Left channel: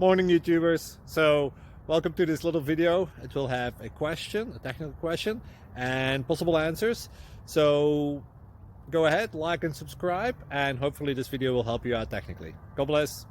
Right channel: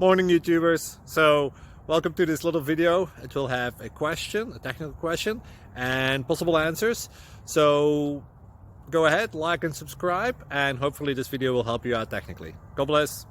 Morning YouTubers. So welcome to this little video. It will have a question, a technical question, and possible answers. So go ahead, like and subscribe, and hopefully this video will help you out technically. God bless.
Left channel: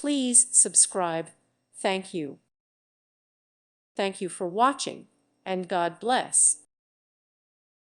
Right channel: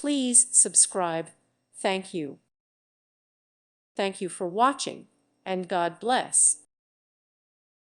Please subscribe. Thank you. Thank you for watching, and God bless.